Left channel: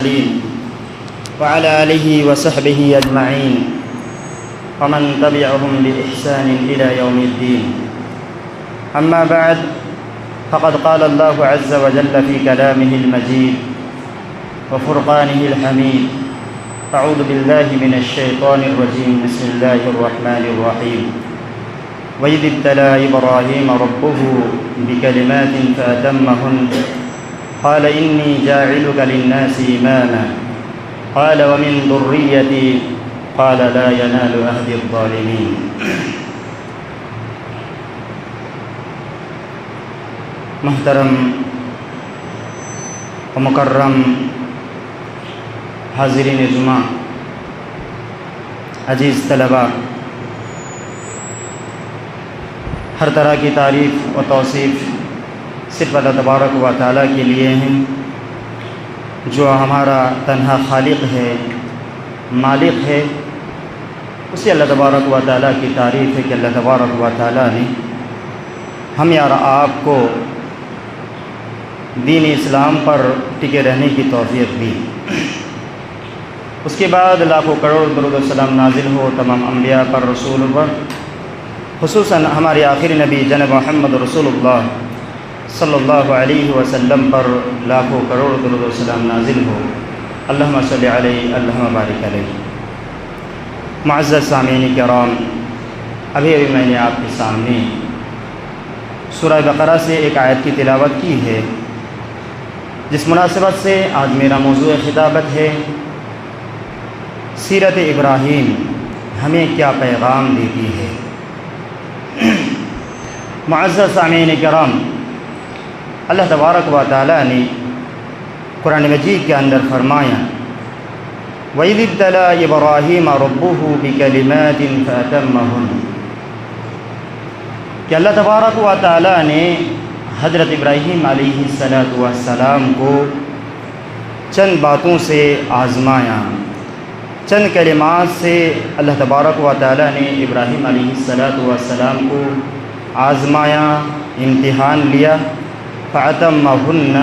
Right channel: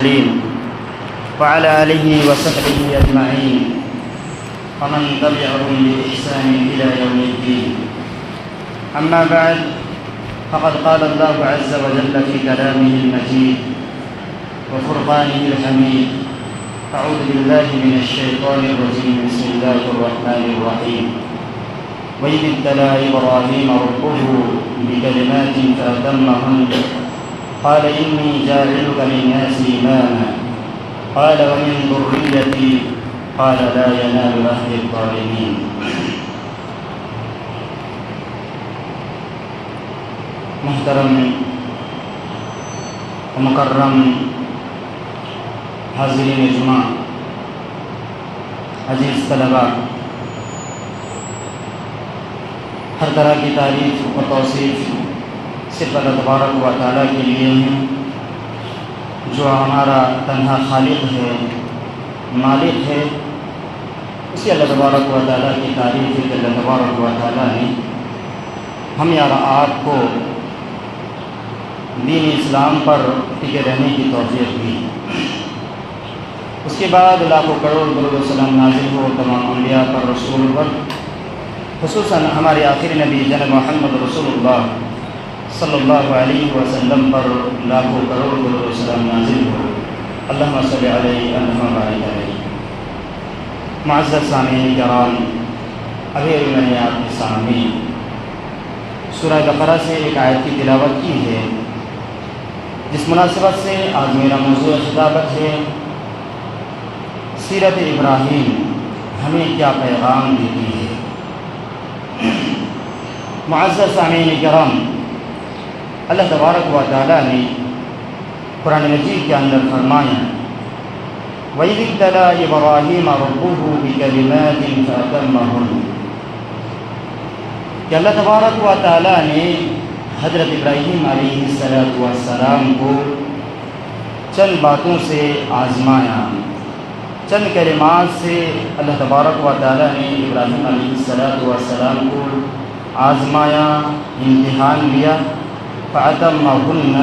وعلى آله وصحبه أجمعين ومن تبعهم بإحسان إلى يوم الدين. أما بعد، فقد قال الله عز وجل في كلامه المجيد وفرقانه الحميد: أعوذ بالله من الشيطان الرجيم، بسم الله الرحمن الرحيم. وإذ ابتلى إبراهيم ربه بكلمات فأتمهن قال إني جاعلك للناس إماما قال ومن ذريتي قال لا ينال عهد الظالمين. محترم و مکرم حاضرین جمعہ، عزیز طلباء، ہر طرح کی تعریف و توصیف صرف اللہ تبارک و تعالیٰ کے لیے ہیں، جو ہمارا تنہا خالق ہے، مالک ہے. اسی اللہ تبارک و تعالیٰ کی تعریف ہے کہ اللہ تبارک و تعالیٰ نے ہمیں اور آپ کو دین اسلام پر ٹکے رہنے کی توفیق دی. اس کے بعد لاکھوں کروڑ درود و سلام نازل ہو تمام انبیاء پر، رسول پر، خصوصاً ہمارے آخری نبی جناب محمد رسول اللہ صلی اللہ علیہ وسلم پر لاکھوں کروڑ درود و سلام نازل ہو. اللہم صلی علیہ، اللہم بارک علیہ. معزز سامعین کرام، ابھی میں نے آپ کے سامنے سورہ بقرہ سے ایک آیت کی تلاوت کی ہے، جس مناسبت سے آج میرا موضوع خطابت ہے: سیرت ابراہیم ہمیں کیا پیغام دیتی ہے. معزز سامعین کرام، اللہ تبارک و تعالیٰ نے قرآن مجید کے اندر فرمایا: وَإِذِ ابْتَلَىٰ إِبْرَاهِيمَ رَبُّهُ بِكَلِمَاتٍ فَأَتَمَّهُنَّ، کہ اللہ تبارک و تعالیٰ نے حضرت ابراہیم علیہ السلام کو چند باتوں سے آزمایا. چند کلمات سے اللہ تبارک و تعالیٰ نے ابراہیم علیہ السلام کو آزمایا، امتحان لیا. فَأَتَمَّهُنَّ،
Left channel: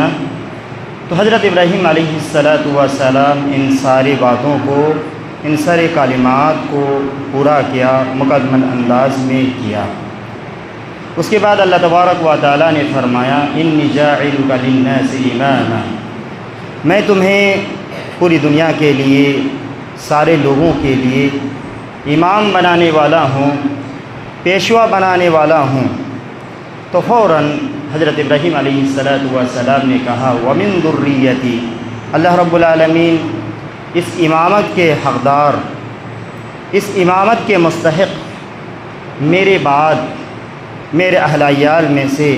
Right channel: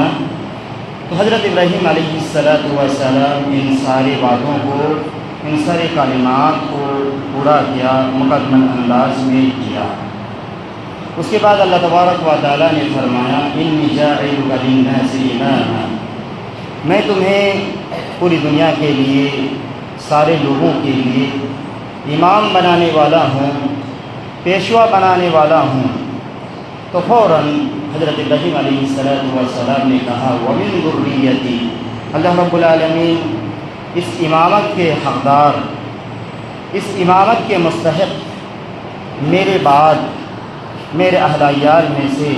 تو حضرت ابراہیم علیہ السلام ان ساری باتوں کو، ان سارے کلمات کو پورا کیا، مکمل انداز میں کیا. اس کے بعد اللہ تبارک و تعالیٰ نے فرمایا: إِنِّي جَاعِلُكَ لِلنَّاسِ إِمَامًا، میں تمہیں پوری دنیا کے لیے، سارے لوگوں کے لیے امام بنانے والا ہوں، پیشوا بنانے والا ہوں. تو فوراً حضرت ابراہیم علیہ السلام نے کہا: وَمِن ذُرِّيَّتِي، اللہ رب العالمین اس امامت کے حقدار، اس امامت کے مستحق میرے بعد، میرے اہل عیال میں سے،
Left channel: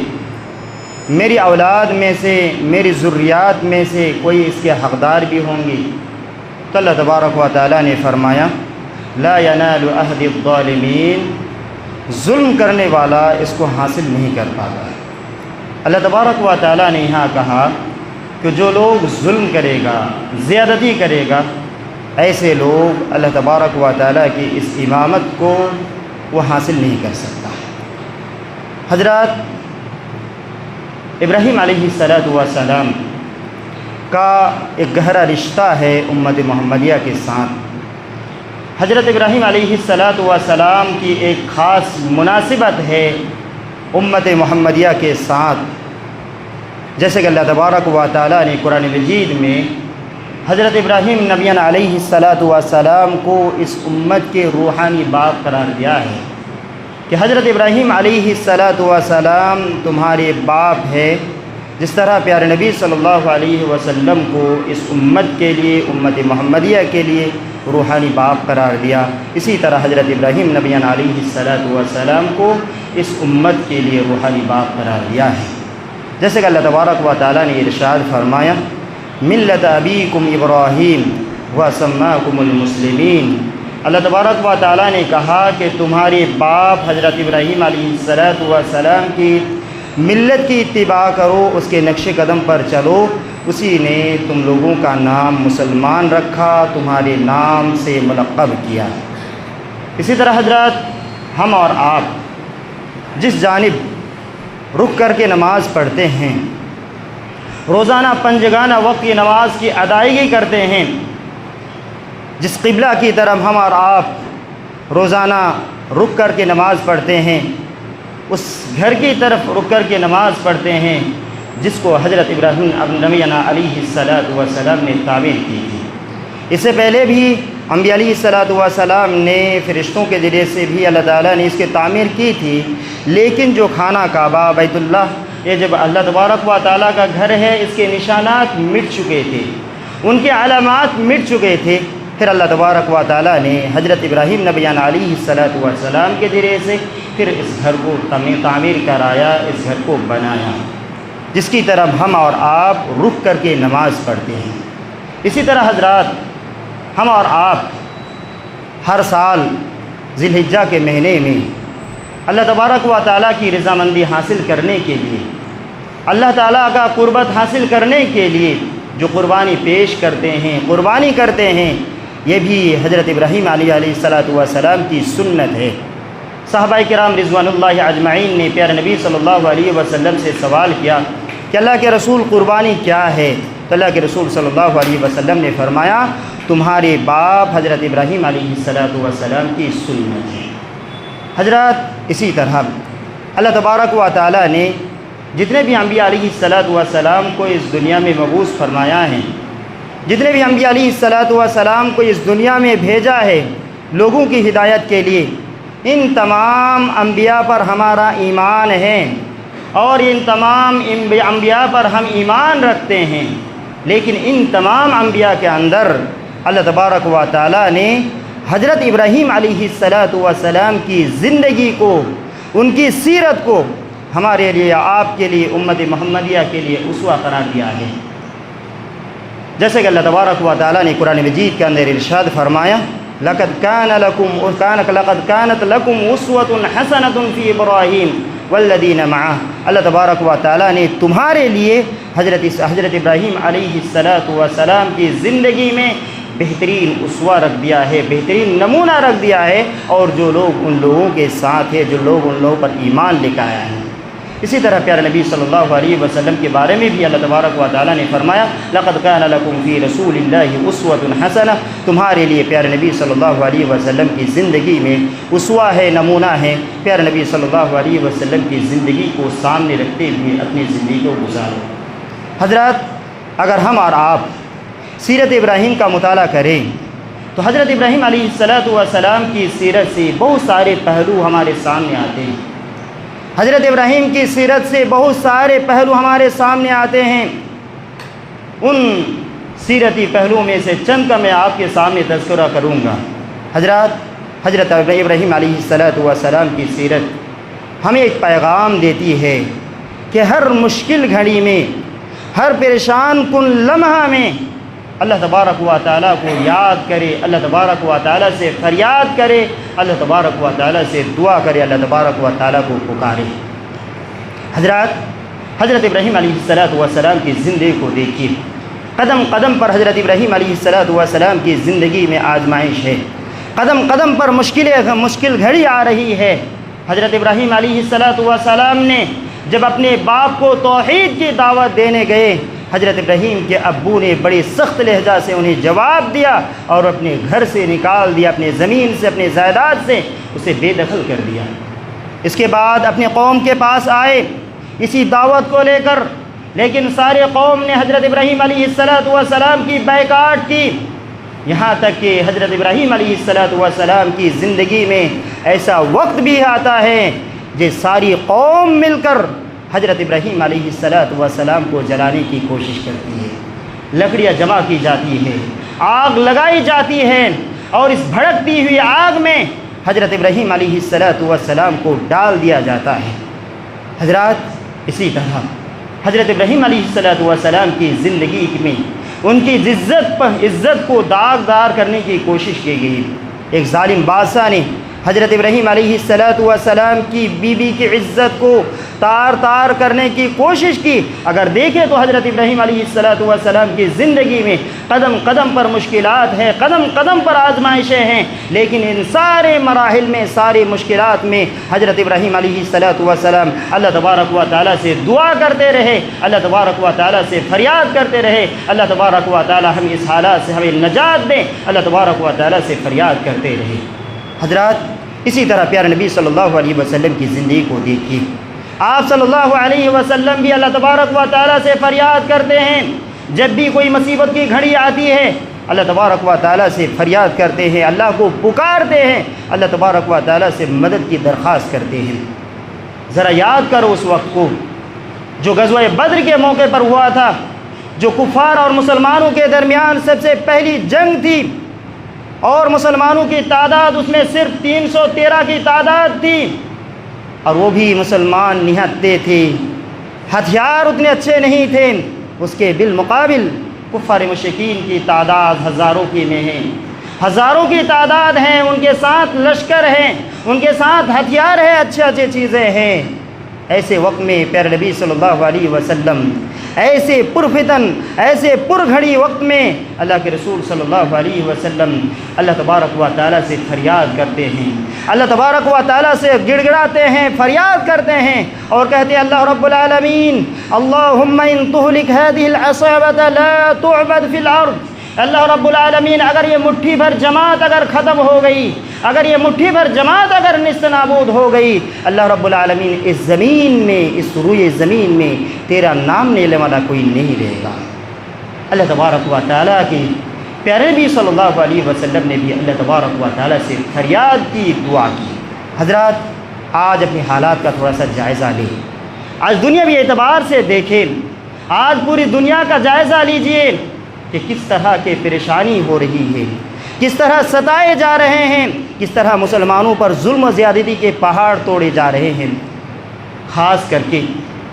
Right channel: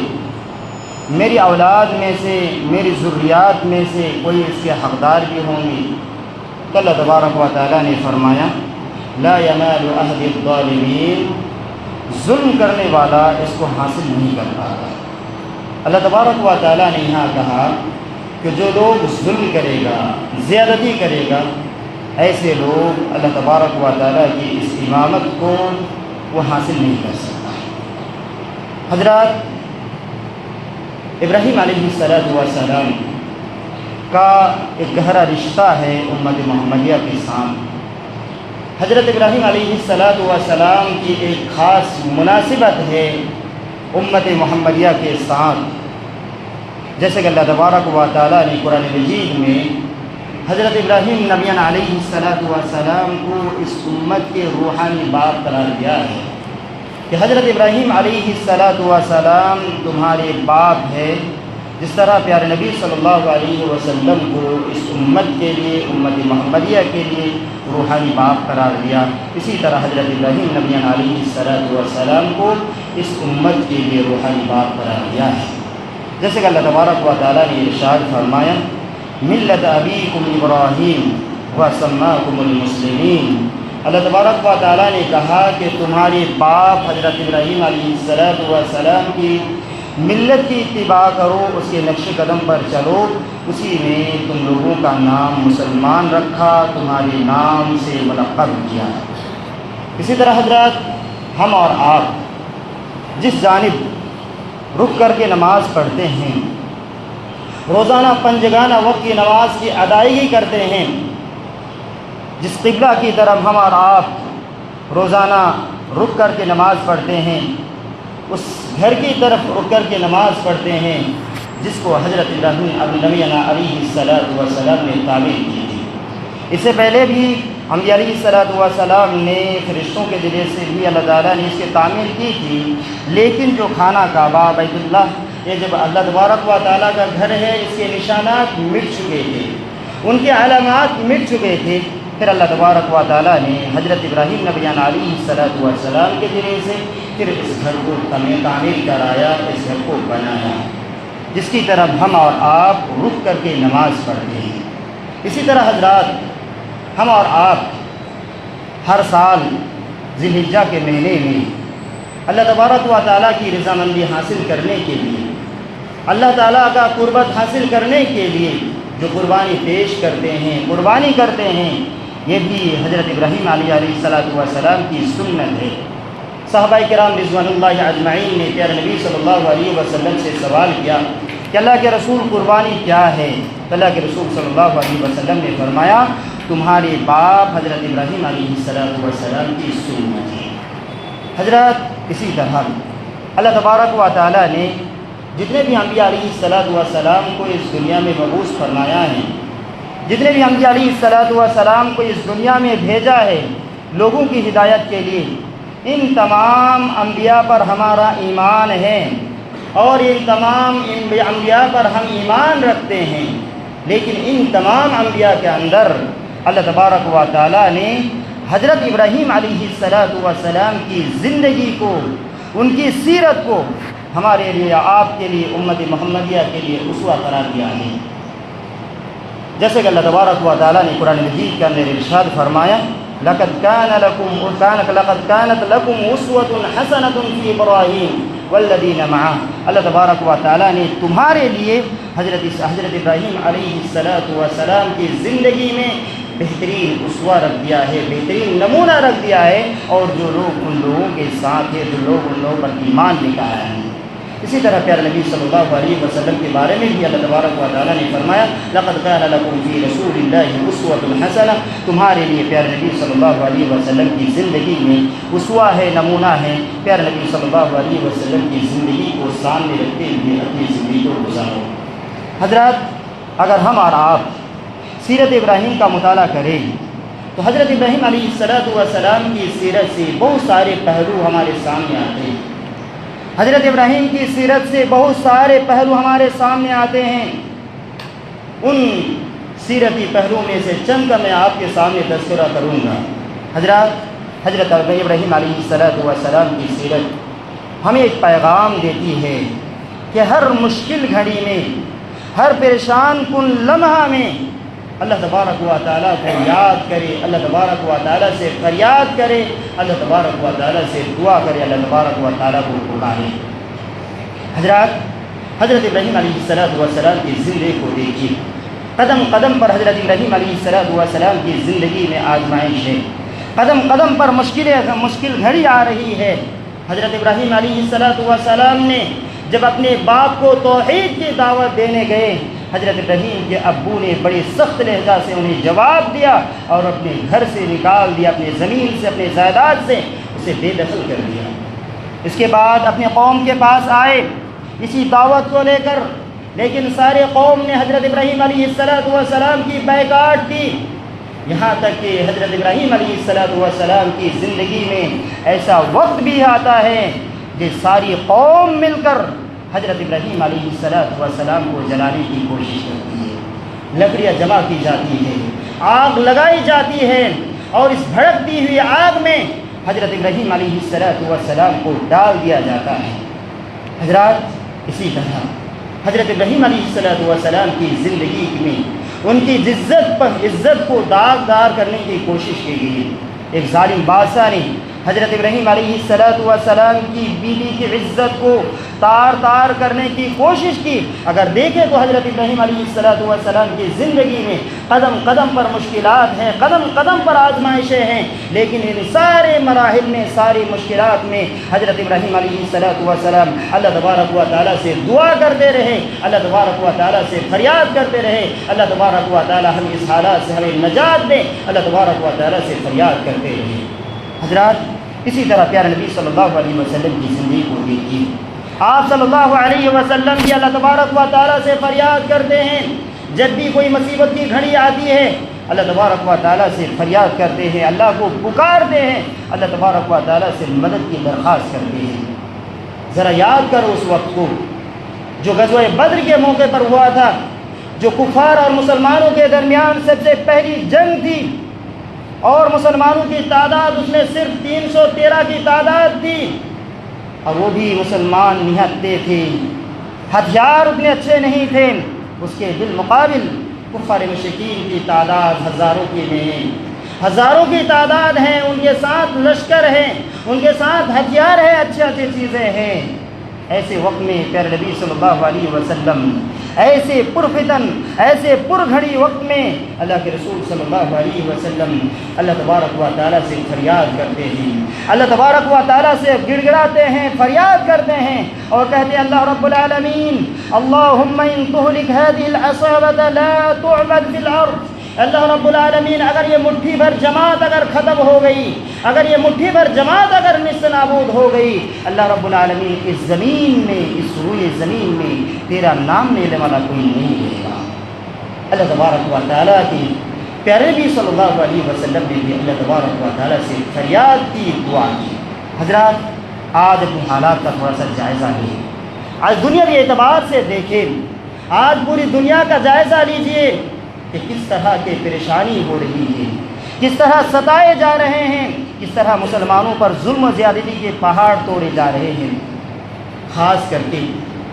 میری اولاد میں سے، میری ذریات میں سے کوئی اس کے حقدار بھی ہوں گے. تو اللہ تبارک و تعالیٰ نے فرمایا: لا ينال عهد الظالمین، ظلم کرنے والا اس کو حاصل نہیں کر پاتا. اللہ تبارک و تعالیٰ نے یہاں کہا کہ جو لوگ ظلم کرے گا، زیادتی کرے گا، ایسے لوگ اللہ تبارک و تعالیٰ کی اس امامت کو وہ حاصل نہیں کر سکتا. حضرات، ابراہیم علیہ السلام کا ایک گہرا رشتہ ہے امت محمدیہ کے ساتھ. حضرت ابراہیم علیہ السلام کی ایک خاص مناسبت ہے امت محمدیہ کے ساتھ. جیسے کہ اللہ تبارک و تعالیٰ نے قرآن مجید میں حضرت ابراہیم نبی علیہ السلام کو اس امت کے روحانی باپ قرار دیا ہے کہ حضرت ابراہیم علیہ السلام تمہارے باپ ہے. جس طرح پیارے نبی صلی اللہ علیہ وسلم کو اس امت کے لیے، امت محمدیہ کے لیے روحانی باپ قرار دیا، اسی طرح حضرت ابراہیم نبی علیہ السلام کو اس امت کے لیے روحانی باپ قرار دیا ہے. جیسے کہ اللہ تبارک و تعالیٰ نے ارشاد فرمایا: ملت ابیکم ابراہیم وسماکم المسلمین. اللہ تبارک و تعالیٰ نے کہا کہ تمہارے باپ حضرت ابراہیم علیہ السلام کی ملت کی اتباع کرو، اس کے نقش قدم پر چلو، اسی نے تم لوگوں کا نام مسلمان رکھا، تمہارے نام سے ملقب کیا. اسی طرح حضرات، ہم اور آپ جس جانب رک کر کے نماز پڑھتے ہیں، روزانہ پنجگانہ وقت کی نماز کی ادائیگی کرتے ہیں، جس قبلہ کی طرف ہم اور آپ روزانہ رک کر کے نماز پڑھتے ہیں، اس گھر کی طرف رک کر کے نماز پڑھتے ہیں جس کو حضرت ابراہیم نبینا علیہ السلام نے تعمیر کی تھی۔ اس سے پہلے بھی انبیاء علیہ السلام نے فرشتوں کے ذریعے سے بھی اللہ تعالیٰ نے اس کی تعمیر کی تھی، لیکن جو خانہ کعبہ بیت اللہ، یہ جب اللہ تبارک و تعالیٰ کا گھر ہے، اس کے نشانات مٹ چکے تھے، ان کے علامات مٹ چکے تھے، پھر اللہ تبارک و تعالیٰ نے حضرت ابراہیم نبینا علیہ السلام کے ذریعے سے پھر اس گھر کو تعمیر کرایا، اس گھر کو بنایا، جس کی طرف ہم اور آپ رک کر کے نماز پڑھتے ہیں۔ اسی طرح حضرات، ہم اور آپ ہر سال ذی الحجہ کے مہینے میں اللہ تبارک و تعالیٰ کی رضامندی حاصل کرنے کے لیے، اللہ تعالیٰ کا قربت حاصل کرنے کے لیے جو قربانی پیش کرتے ہیں، قربانی کرتے ہیں، یہ بھی حضرت ابراہیم علیہ السلام کی سنت ہے۔ صحابہ کرام رضوان اللہ اجمعین نے پیارے نبی صلی اللہ علیہ وسلم سے سوال کیا کہ اللہ کے رسول قربانی کیا ہے؟ تو اللہ کے رسول صلی اللہ علیہ وسلم نے فرمایا، تمہارے باپ حضرت ابراہیم علیہ السلام کی سنت ہے۔ حضرات، اسی طرح اللہ تبارک و تعالیٰ نے جتنے بھی انبیاء علیہ السلام کو اس دنیا میں مبعوث فرمایا ہے، جتنے بھی انبیاء علیہ السلام کو اس دنیا میں بھیجا ہے لوگوں کی ہدایت کے لیے، ان تمام انبیاء پر ہمارا ایمان ہے اور ان تمام انبیاء پر ہم ایمان رکھتے ہیں، لیکن ان تمام انبیاء کے اندر اللہ تبارک و تعالیٰ نے حضرت ابراہیم علیہ السلام کی زندگی کو، ان کی سیرت کو ہمارے لیے، آپ کے لیے، امت محمدیہ کے لیے اسوہ قرار دیا ہے۔ جیسے کہ اللہ تبارک و تعالیٰ نے قرآن مجید کے اندر ارشاد فرمایا، لقد كانت لكم اسوة حسنة في ابراہیم والذین معہ۔ اللہ تبارک و تعالیٰ نے تمہارے لیے حضرت ابراہیم علیہ السلام کی زندگی میں بہترین اسوہ رکھ دیا ہے، بہترین نمونہ رکھ دیا ہے، اور جو لوگ ان لوگوں کے ساتھ ہیں، جو لوگ ان لوگوں پر ایمان لے کر آئے ہیں۔ اسی طرح پیارے نبی صلی اللہ علیہ وسلم کے بارے میں بھی اللہ تبارک و تعالیٰ نے فرمایا، لقد كان لكم في رسول الله اسوة حسنة۔ تمہارے لیے پیارے نبی صلی اللہ علیہ وسلم کی زندگی میں اسوہ ہے، نمونہ ہے۔ پیارے نبی صلی اللہ علیہ وسلم کی زندگی کو سامنے رکھتے ہوئے اپنی زندگی کو گزارو۔ حضرات، اگر ہم اور آپ سیرت ابراہیم کا مطالعہ کریں تو حضرت ابراہیم علیہ السلام کی سیرت سے بہت سارے پہلو ہمارے سامنے آتے ہیں۔ حضرت ابراہیم کی سیرت سے بہت سارے پہلو ہمارے سامنے آتے ہیں۔ ان سیرتی پہلو میں سے چند کا میں آپ کے سامنے تذکرہ کروں گا۔ حضرت ابراہیم علیہ السلام کی سیرت ہمیں ایک پیغام دیتی ہے کہ ہر مشکل گھڑی میں، ہر پریشان کن لمحہ میں اللہ تبارک و تعالیٰ کو یاد کرے، اللہ تبارک و تعالیٰ سے فریاد کرے، اللہ تبارک و تعالیٰ سے دعا کرے، اللہ تبارک و تعالیٰ کو پکارے۔ حضرت ابراہیم علیہ السلام کی زندگی کو دیکھیے، قدم قدم پر حضرت ابراہیم علیہ السلام کی زندگی میں آزمائش ہے، قدم قدم پر مشکل گھڑی آ رہی ہے۔ حضرت ابراہیم علیہ السلام نے جب اپنے باپ کو توحید کی دعوت دینے گئے، حضرت ابراہیم کے ابو نے بڑے سخت لہجہ سے انہیں جواب دیا اور اپنے گھر سے نکال دیا، اپنے زمین سے، اپنے جائیداد سے اسے بے دخل کر دیا۔ اس کے بعد اپنے قوم کے پاس آئے اسی دعوت کو لے کر، لیکن سارے قوم نے حضرت ابراہیم علیہ السلام کی بائیکاٹ کی، یہاں تک کہ حضرت ابراہیم علیہ السلام کی زندگی میں ایسا وقت بھی آتا ہے کہ ساری قوم مل کر حضرت ابراہیم علیہ السلام کو جلانے کی کوشش کرتی ہے، لکڑیاں جمع کی جاتی ہے، آگ لگائی جاتی ہے، اور اس بھڑکتی ہوئی آگ میں حضرت ابراہیم علیہ السلام کو ڈال دیا جاتا ہے۔ حضرات، اسی طرح حضرت ابراہیم علیہ السلام کی زندگی میں ان کی عزت کو داغدار کرنے کی کوشش کی گئی۔ ایک ظالم بادشاہ نے حضرت ابراہیم علیہ السلام کی بیوی کی عزت کو تار تار کرنے کی کوشش کی۔ اگر دیکھیں تو حضرت ابراہیم علیہ السلام کی زندگی میں قدم قدم پر مشکلات ہیں، قدم قدم پر آزمائشیں ہیں، لیکن ان سارے مراحل میں، ساری مشکلات میں حضرت ابراہیم علیہ السلام اللہ تبارک و تعالیٰ سے دعا کرتے رہے، اللہ تبارک و تعالیٰ سے فریاد کرتے رہے، اللہ تبارک و تعالیٰ ہم اس حالات سے ہمیں نجات دیں، اللہ تبارک و تعالیٰ سے فریاد کرتے رہے۔ حضرات، اسی طرح پیارے نبی صلی اللہ علیہ وسلم کی زندگی کو دیکھیے، آپ صلی اللہ علیہ وسلم بھی اللہ تبارک و تعالیٰ سے فریاد کرتے ہیں۔ جب بھی کوئی مصیبت کی گھڑی آتی ہے، اللہ تبارک و تعالیٰ سے فریاد کرتے ہیں، اللہ کو پکارتے ہیں، اللہ تبارک و تعالیٰ سے مدد کی درخواست کرتے ہیں۔ ذرا یاد کرو اس وقت کو جو غزوہ بدر کے موقع پر ہوا تھا، جو کفار اور مسلمانوں کے درمیان سب سے پہلی جنگ تھی، اور مسلمانوں کی تعداد اس میں صرف 313 کی تعداد تھی، اور وہ بھی مسلمان نہتے تھے، ہتھیار اتنے اچھے نہیں تھے۔ اس کے بالمقابل کفار مشرکین کی تعداد ہزاروں کی نہیں، ہزاروں کی تعداد ہیں، ان کے ساتھ لشکر ہیں، ان کے ساتھ ہتھیار ہیں، اچھے اچھے چیزیں ہیں۔ ایسے وقت میں پیارے نبی صلی اللہ علیہ وسلم ایسے پرفتن، ایسے پرگھڑی وقت میں اللہ کے رسول صلی اللہ علیہ وسلم اللہ تبارک و تعالیٰ سے فریاد کرتے ہیں، اللہ تبارک و تعالیٰ سے گڑ گڑاتے ہیں، فریاد کرتے ہیں اور کہتے ہیں اللہ رب العالمین اللہم ان تہلک هذه العصابة لا تعبد فی الارض۔ اللہ رب العالمین اگر یہ مٹھی بھر جماعت اگر ختم ہو گئی، اگر یہ مٹھی بھر جماعت اگر نست نابود ہو گئی، اللہ رب العالمین اس زمین میں، اس روئے زمین میں تیرا نام لینے والا کوئی نہیں رہے گا۔ اللہ تبارک و تعالیٰ کی پیارے نبی صلی اللہ علیہ وسلم نے بھی اللہ تبارک و تعالیٰ سے فریاد کی، دعا کی۔ حضرات، آج اپنے حالات کا تھوڑا سا جائزہ لیں، آج دنیاوی اعتبار سے دیکھیں، آج پوری دنیا کا جائزہ لیجئے کہ کس طرح کے پریشانی ہو رہی ہے، کس طرح ستائے جا رہے ہیں، کس طرح مسلمانوں پر ظلم و زیادتی کے پہاڑ توڑے جا رہے ہیں۔ خاص کر کے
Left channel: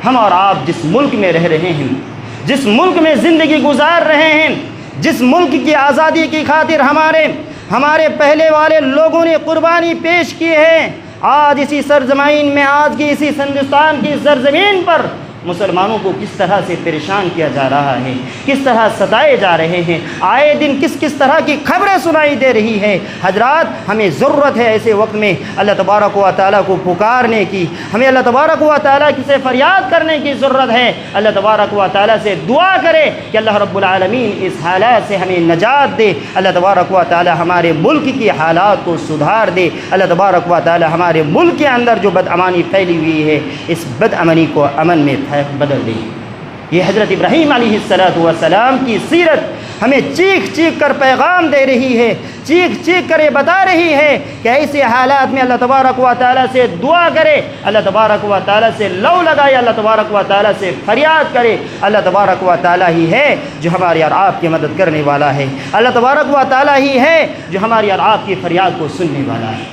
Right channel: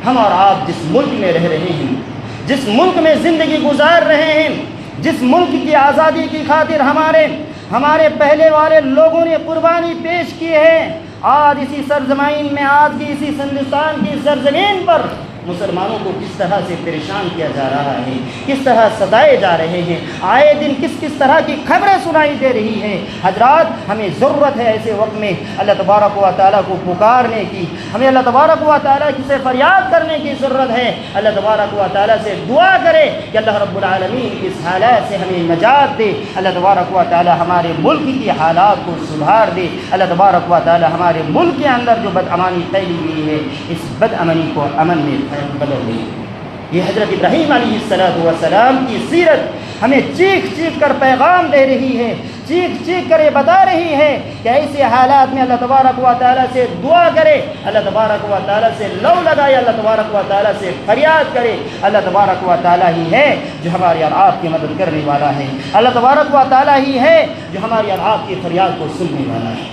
ہم اور آپ جس ملک میں رہ رہے ہیں، جس ملک میں زندگی گزار رہے ہیں، جس ملک کی آزادی کی خاطر ہمارے پہلے والے لوگوں نے قربانی پیش کی ہے، آج اسی سرزمین میں، آج کی اسی ہندوستان کی سرزمین پر مسلمانوں کو کس طرح سے پریشان کیا جا رہا ہے، کس طرح ستائے جا رہے ہیں، آئے دن کس طرح کی خبریں سنائی دے رہی ہیں۔ حضرات، ہمیں ضرورت ہے ایسے وقت میں اللہ تبارک و تعالیٰ کو پکارنے کی، ہمیں اللہ تبارک و تعالیٰ سے فریاد کرنے کی ضرورت ہے۔ اللہ تبارک و تعالیٰ سے دعا کرے کہ اللہ رب العالمین اس حالات سے ہمیں نجات دے، اللہ تبارک و تعالیٰ ہمارے ملک کی حالات کو سدھار دے، اللہ تبارک و تعالیٰ ہمارے ملک کے اندر جو بدامانی پھیلی ہوئی ہے، اس بدامنی کو امن میں بدل دی۔ یہ حضرت ابراہیم علیہ السلام کی سیرت ہمیں چیخ چیخ کر پیغام دے رہی ہے، چیخ چیخ کر یہ بتا رہی ہے کہ ایسے حالات میں اللہ تبارک و تعالیٰ سے دعا کرے، اللہ تبارک و تعالیٰ سے لو لگائے، اللہ تبارک و تعالیٰ سے فریاد کرے۔ اللہ تبارک و تعالیٰ ہی ہے جو ہماری اور آپ کی مدد کرنے والا ہے، اللہ تبارک و تعالیٰ ہی ہے جو ہماری اور آپ کی فریاد کو سننے والا ہے۔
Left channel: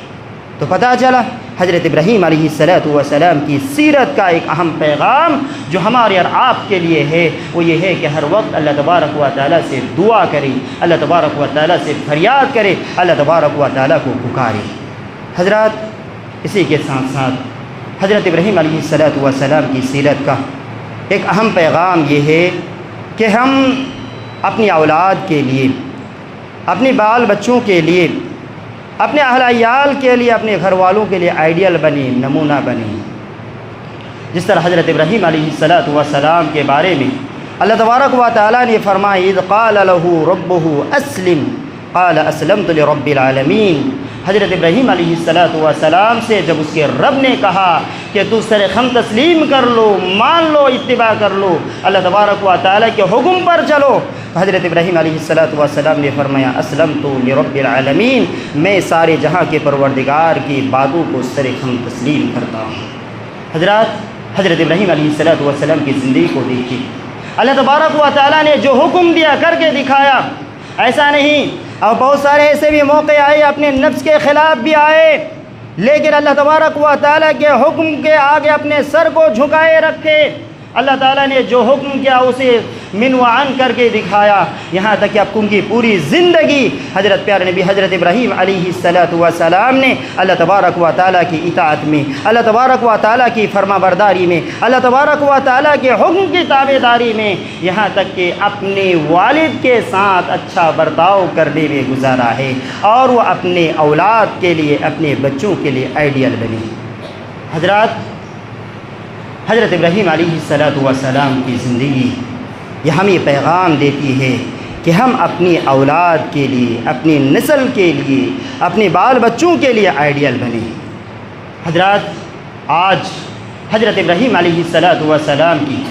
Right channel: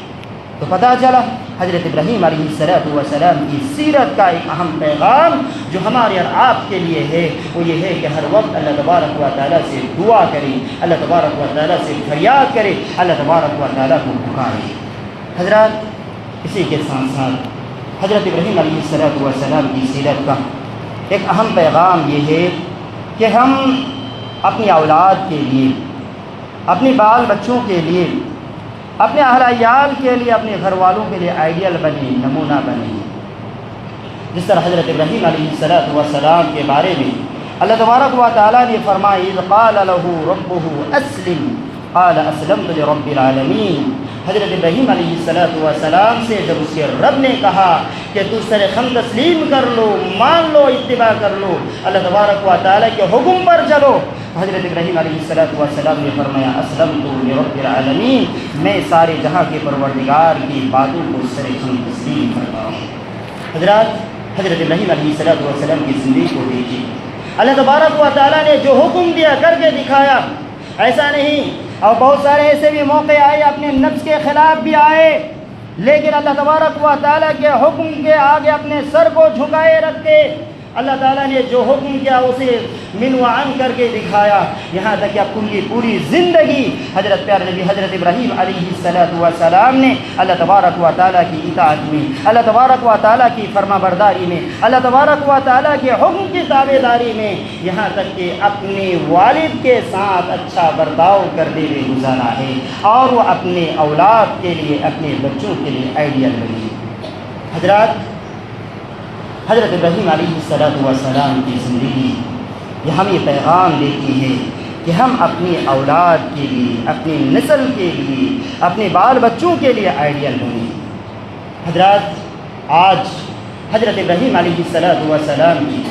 تو پتہ چلا حضرت ابراہیم علیہ السلام کی سیرت کا ایک اہم پیغام جو ہمارے اور آپ کے لیے ہے، وہ یہ ہے کہ ہر وقت اللہ تبارک و تعالیٰ سے دعا کرے، اللہ تبارک و تعالیٰ سے فریاد کرے، اللہ تبارک و تعالیٰ کو پکارے۔ حضرات، اسی کے ساتھ ساتھ حضرت ابراہیم علیہ السلام کی سیرت کا ایک اہم پیغام یہ ہے کہ ہم اپنی اولاد کے لیے، اپنے بال بچوں کے لیے، اپنے اہل عیال کے لیے، اپنے گھر والوں کے لیے آئیڈیل بنے، نمونہ بنے۔ جس طرح حضرت ابراہیم علیہ السلام کے بارے میں اللہ تبارک و تعالیٰ نے فرمایا اذ قال له ربه اسلم قال اسلمت لرب العالمین۔ حضرت ابراہیم علیہ السلام سے جب اس کے رب نے کہا کہ تو سر خم تسلیم کر لو، مان لو، اتباع کر لو، اللہ تبارک و تعالیٰ کے حکم پر چلو، حضرت ابراہیم علیہ السلام نے فرمایا اسلمت لرب العالمین، میں سارے جہاں کے پروردگار کی باتوں کو سر خم تسلیم کرتا ہوں۔ حضرت ابراہیم علیہ السلام کی زندگی کو دیکھیے، اللہ تبارک و تعالیٰ نے جو حکم دیا کر کے دکھایا، ایسا نہیں، اور بہت سارے ایسے بھی موقع آئے اپنے نفس کے خلاف بھی آئے، لیکن اللہ تبارک و تعالیٰ کے حکم کے آگے اپنے سر کو جھکائے رکھے، اللہ تعالیٰ نے جو حکم کیا اسے منوعن کر کے دکھایا، یہاں تک کہ اب ان کی پوری زندگی حضرت پیارے نبی حضرت ابراہیم علیہ السلام نے اللہ تبارک و تعالیٰ کی اطاعت میں، اللہ تبارک و تعالیٰ کی فرما برداری میں، اللہ تبارک و تعالیٰ کے حکم کی تابع داری میں، یہاں تک کہ اپنے والد کے ساتھ اچھا برتاؤ کرنے میں گزارا ہے، اور وہ اپنے اولاد کے لیے، اپنے بچوں کے لیے آئیڈیل بنی۔ حضرت ابراہیم علیہ السلام کی زندگی یہ ہمیں پیغام دیتی ہے کہ ہم اپنی اولاد کے لیے، اپنی نسل کے لیے، اپنے بال بچوں کے لیے آئیڈیل بنیں۔ حضرات، آج حضرت ابراہیم علیہ السلام کی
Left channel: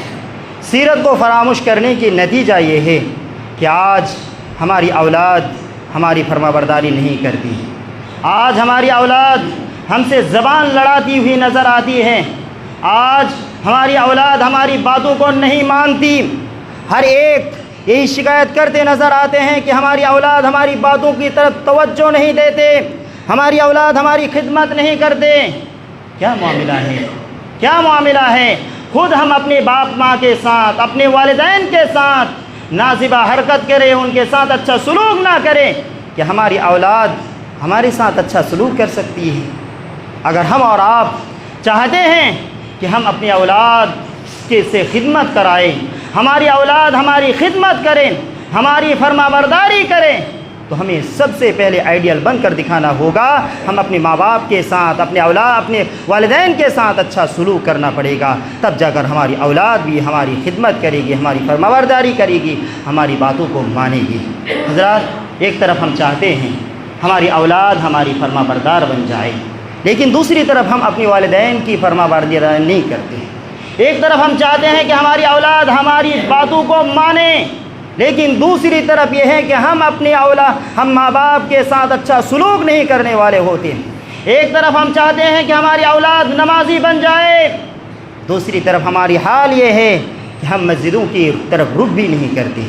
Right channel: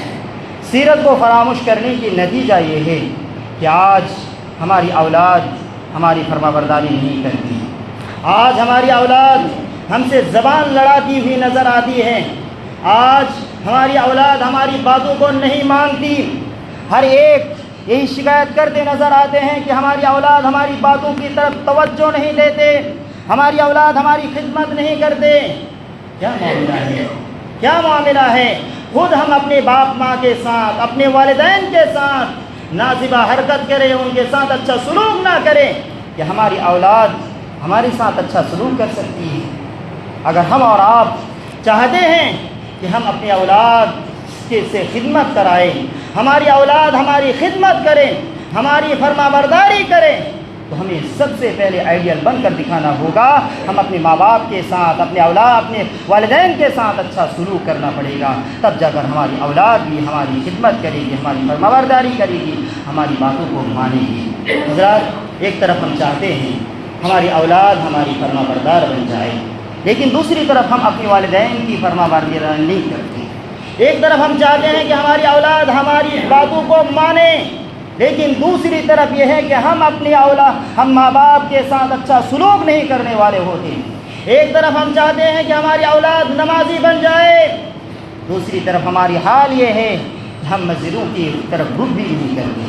سیرت کو فراموش کرنے کی نتیجہ یہ ہے کہ آج ہماری اولاد ہماری فرما برداری نہیں کرتی، آج ہماری اولاد ہم سے زبان لڑاتی ہوئی نظر آتی ہے، آج ہماری اولاد ہماری باتوں کو نہیں مانتی، ہر ایک یہی شکایت کرتے نظر آتے ہیں کہ ہماری اولاد ہماری باتوں کی طرف توجہ نہیں دیتے، ہماری اولاد ہماری خدمت نہیں کرتے۔ کیا معاملہ ہے؟ کیا معاملہ ہے؟ خود ہم اپنے باپ ماں کے ساتھ، اپنے والدین کے ساتھ نازیبہ حرکت کریں، ان کے ساتھ اچھا سلوک نہ کریں کہ ہماری اولاد ہمارے ساتھ اچھا سلوک کر سکتی ہے۔ اگر ہم اور آپ چاہتے ہیں کہ ہم اپنی اولاد سے خدمت کرائیں، ہماری اولاد ہماری خدمت کریں، ہماری فرما برداری کریں، تو ہمیں سب سے پہلے آئیڈیل بن کر دکھانا ہوگا۔ ہم اپنے ماں باپ کے ساتھ، اپنے اولاد، اپنے والدین کے ساتھ اچھا سلوک کرنا پڑے گا، تب جا کر ہماری اولاد بھی ہماری خدمت کرے گی، ہماری فرما برداری کرے گی، ہماری باتوں کو مانے گی۔ حضرات، ایک طرف ہم چاہتے ہیں ہماری اولاد ہماری فرما بردار بن جائے، لیکن دوسری طرف ہم اپنے والدین کی فرما برداری نہیں کرتے۔ ایک طرف ہم چاہتے ہیں کہ ہماری اولاد ہماری باتوں کو مانے، لیکن دوسری طرف یہ ہے کہ ہم ماں باپ کے ساتھ اچھا سلوک نہیں کرنے والے ہوتے ہیں۔ ایک طرف ہم چاہتے ہیں کہ ہماری اولاد نمازی بن جائے، دوسری طرف ہماری حال یہ ہے کہ ہم مسجدوں کی طرف رخ بھی نہیں کرتے۔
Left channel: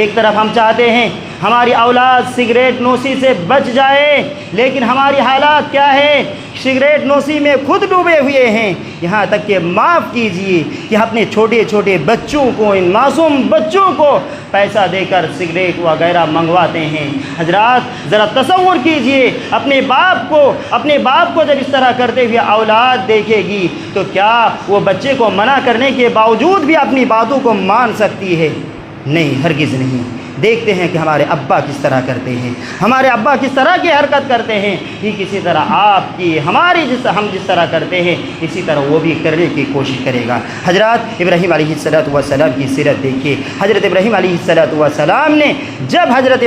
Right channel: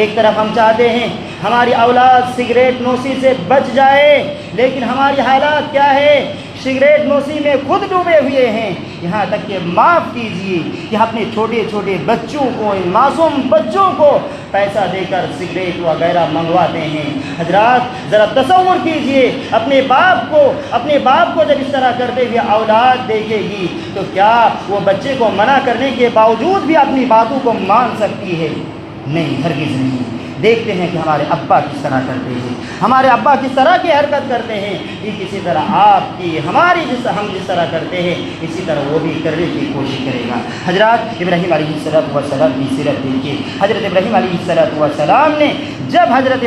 ایک طرف ہم چاہتے ہیں ہماری اولاد سگریٹ نوشی سے بچ جائے، لیکن ہماری حالات کیا ہے؟ سگریٹ نوشی میں خود ڈوبے ہوئے ہیں، یہاں تک کہ معاف کیجئے کہ اپنے چھوٹے چھوٹے بچوں کو، ان معصوم بچوں کو پیسہ دے کر سگریٹ وغیرہ منگواتے ہیں۔ حضرات، ذرا تصور کیجئے، اپنے باپ کو جب اس طرح کرتے ہوئے اولاد دیکھے گی تو کیا وہ بچے کو منع کرنے کے باوجود بھی اپنی باتوں کو مان سکتی ہے؟ نہیں، ہرگز نہیں۔ دیکھتے ہیں کہ ہمارے ابا کس طرح کرتے ہیں، ہمارے ابا کس طرح کی حرکت کرتے ہیں، یہ کسی طرح آپ کی ہم جس طرح کرتے ہیں اسی طرح وہ بھی کرنے کی کوشش کرے گا۔ حضرات، ابراہیم علیہ السلام کی سیرت دیکھیے۔ حضرت ابراہیم علیہ السلام نے جب حضرت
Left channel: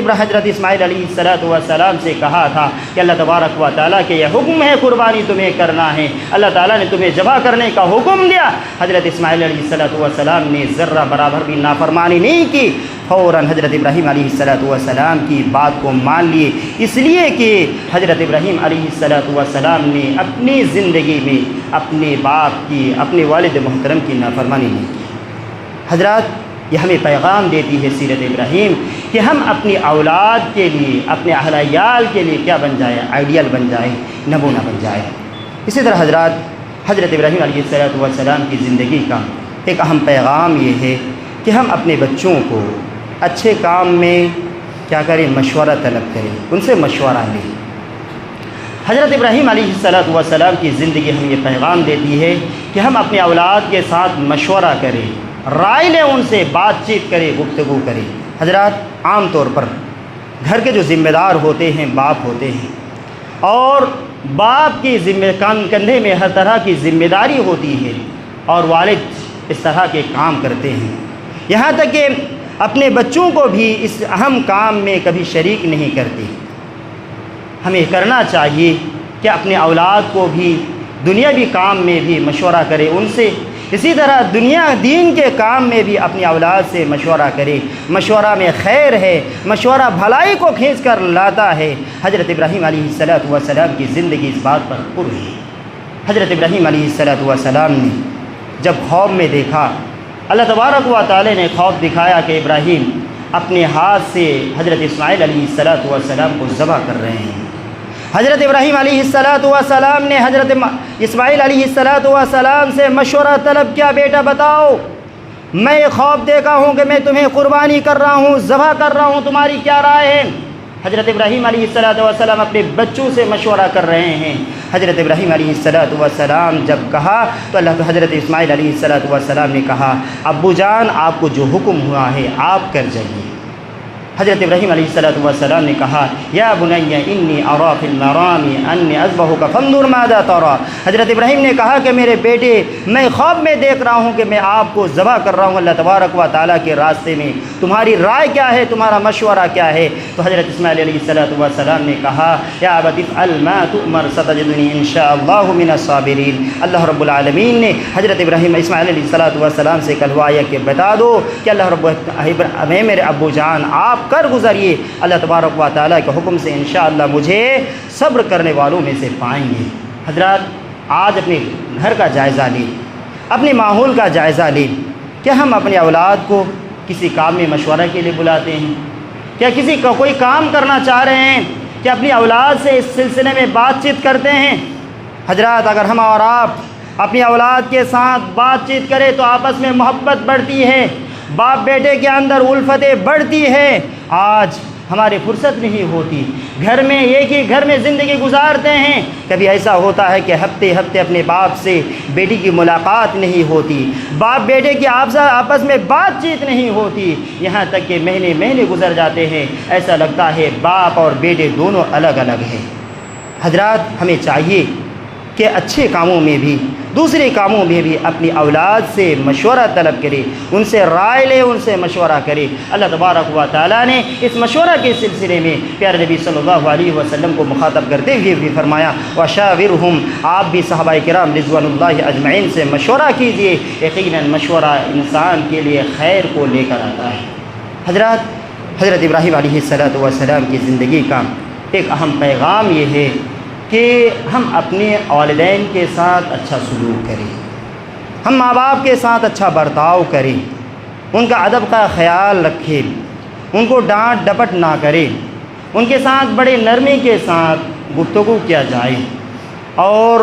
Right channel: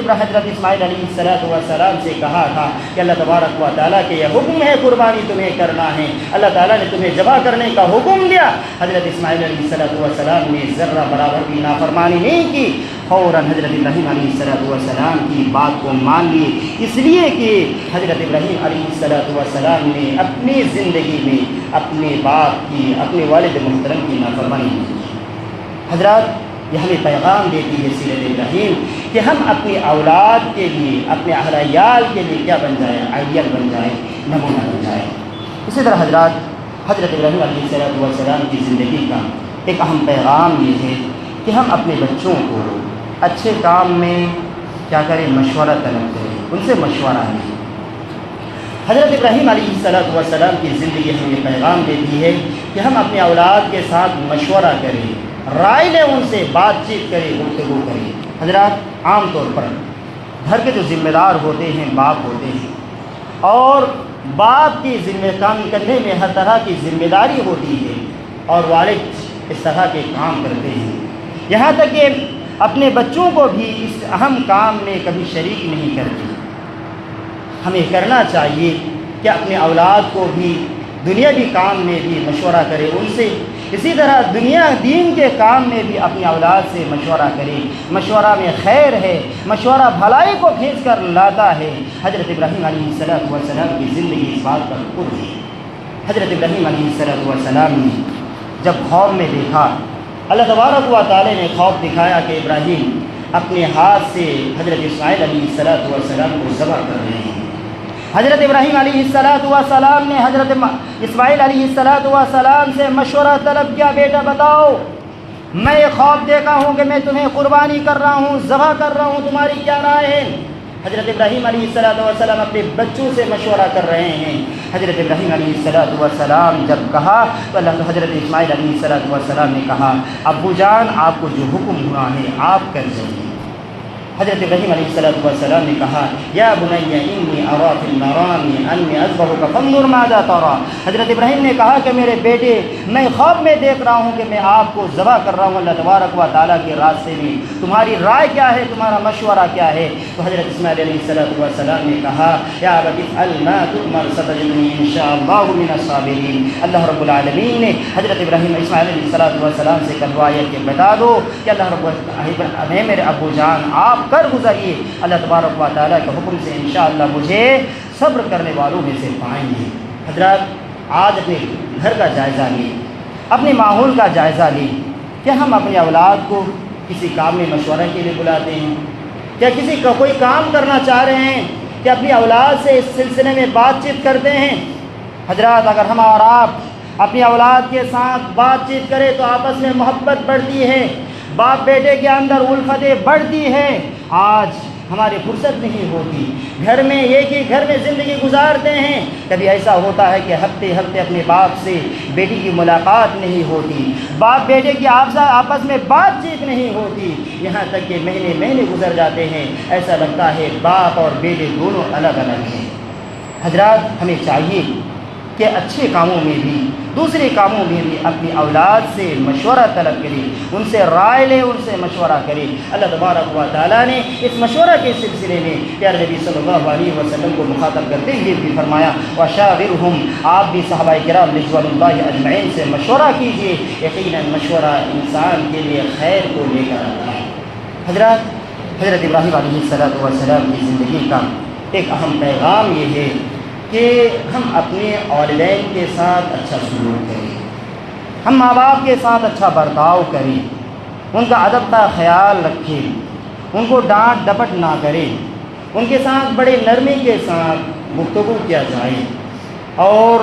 اسماعیل علیہ السلام سے کہا تھا کہ اللہ تبارک و تعالیٰ کے یہ حکم ہے قربانی تمہیں کرنا ہے، اللہ تعالیٰ نے تمہیں ذبح کرنے کا حکم دیا، حضرت اسماعیل علیہ السلام نے ذرہ برابر بھی نافرمانی نہیں کی، فوراً حضرت ابراہیم علیہ السلام کی بات کو مان لیے، اس لیے کہ حضرت ابراہیم علیہ السلام نے اپنی زندگی میں اپنے باپ کی، اپنے والد محترم کی نافرمانی نہیں کی۔ حضرات، یہ ہمیں پیغام دیتی ہے سیرت ابراہیم کہ ہم اپنی اولاد کے لیے، اپنے اہل عیال کے لیے کیا بن جائے؟ آئیڈیل بن جائے، نمونہ بن جائے۔ اسی طرح حضرت ابراہیم علیہ السلام کی زندگی کا ایک اہم پیغام یہ ہے کہ ہم اپنے بچوں کو اچھے کام میں کیا کریں؟ مشورہ طلب کریں، ان سے مشورہ لیں۔ حضرت ابراہیم علیہ السلام کی زندگی ہمیں یہ پیغام دیتی ہے کہ ہم اپنے اولاد کے ساتھ مشورہ کریں، رائے لیں، ان سے بات چیت کریں، گفتگو کریں۔ حضرات، عام طور پر گھر کے جو ذمہ دار ہوتے ہیں باپ ہوتے ہیں، اور باپ کی کندھے میں ہر طرح کی ذمہ داری ہوتی ہے، اور والد اس طرح کے کام کرتے ہیں، یہاں تک کہ اپنے بچوں کو بھی اس اہم کام میں کبھی شریک نہیں کرتے۔ ہمیں کرنا چاہیے کہ اپنے اولاد کو بھی دنیاوی کام میں بھی مشورہ کرے ان سے، اسی طرح دین کے کام میں بھی اپنی اولاد سے مشورہ کرے۔ مشورہ میں خیر ہے، مشورہ بھلائی کو کھینچ کر لاتا ہے۔ حضرت ابراہیم علیہ السلام کی زندگی اس بات پر پر ہے۔ حضرت ابراہیم علیہ السلام نے جب خواب میں دیکھا، اللہ تبارک و تعالی نے خواب دکھایا کہ ابراہیم اپنے ہاتھ سے حضرت اسماعیل علیہ السلام کو ذبح کر رہے ہیں۔ حضرت ابراہیم علیہ السلام نے حضرت اسماعیل علیہ السلام سے مشورہ طلب کیا، بیٹا بتاؤ میں یہ خواب دیکھا ہوں کہ میں تمہیں قربانی کر رہا ہوں، ذبح کر رہا ہوں، تمہاری کیا رائے ہے؟ حضرت ابراہیم علیہ السلام اپنے بچوں سے مشورہ کر رہے ہیں۔ حضرت ابراہیم علیہ السلام جب کہا تو حضرت اسماعیل علیہ السلام نے کہا ابو جان آپ کو جو حکم ہوا ہے آپ کر جائیے۔ حضرت ابراہیم علیہ السلام نے کہا یا بنی انی ارا فی المنام انی اذبحک فانظر ماذا تری۔ حضرت ابراہیم نے کہا کہ میرے بیٹے میں خواب میں دیکھ رہا ہوں کہ میں آپ کو ذبح کر رہا ہوں اللہ تبارک و تعالیٰ کے راستے میں، تمہاری رائے کیا ہے، تمہارا مشورہ کیا ہے؟ تو حضرت اسماعیل علیہ السلام نے کہا یا ابت افعل ما تؤمر ستجدنی ان شاء اللہ من الصابرین۔ اللہ رب العالمین نے حضرت اسماعیل علیہ السلام سے کہلوایا کہ بتا دو کہ میرے ابو جان آپ کر گزریے، اللہ تبارک و تعالیٰ کے حکم سے انشاءاللہ مجھے صبر کرنے والوں میں سے پائیں گے۔ حضرات آج اپنے گھر کا جائزہ لیں، اپنے ماحول کا جائزہ لیں کہ ہم اپنے اولاد کو کسی کام میں مشورہ کے لیے بلاتے ہیں، کیا کسی کا کوئی کام کرنا چاہ رہے ہیں کہ اپنی اولاد سے اس سلسلے میں بات چیت کرتے ہیں؟ حضرات اگر ہم اور آپ اپنی اولاد کے ساتھ بات چیت کریں تو آپس میں محبت بڑھتی ہے، باپ بیٹے کے اندر الفتیں بڑھتی ہیں۔ آج ہماری فرصت نہیں ہوتی، گھر میں ایک ہی گھر میں زندگی گزارتے ہیں، کبھی ایسا ہوتا ہے کہ ہفتے ہفتے اپنے باپ سے بیٹی کی ملاقات نہیں ہوتی، باپ بیٹے کی آپس میں بات چیت نہیں ہوتی، یہاں تک کہ مہینے مہینے گزر جاتے ہیں، ایسا لگتا ہے باپ اور بیٹے دونوں الگ الگ ہیں۔ حضرات ہمیں چاہیے کہ اچھے کاموں میں بھی دوسرے کاموں میں بھی اپنی اولاد سے مشورہ طلب کرے، ان سے رائے لے، ان سے مشورہ کرے۔ اللہ تبارک و تعالیٰ نے اس مشورہ کے سلسلے میں پیارے نبی صلی اللہ علیہ وسلم کو مخاطب کرتے ہوئے بھی فرمایا وَشَاوِرْهُمْ، آپ بھی صحابہ کرام رضوان اللہ اجمعین سے مشورہ کیجیے، یقیناً مشورہ انسان کے لیے خیر کو لے کر آتا ہے۔ حضرت ابراہیم علیہ السلام کی زندگی کا ایک اہم پیغام یہ ہے کہ ہم اپنے والدین کے ساتھ اچھا سلوک کریں، ہم ماں باپ کے ساتھ اچھا برتاؤ کریں، ان کا ادب کا خیال رکھیں، ان کو ڈانٹ ڈپٹ نہ کریں، ان کے ساتھ بڑے نرمی کے ساتھ گفتگو کیا جائے اور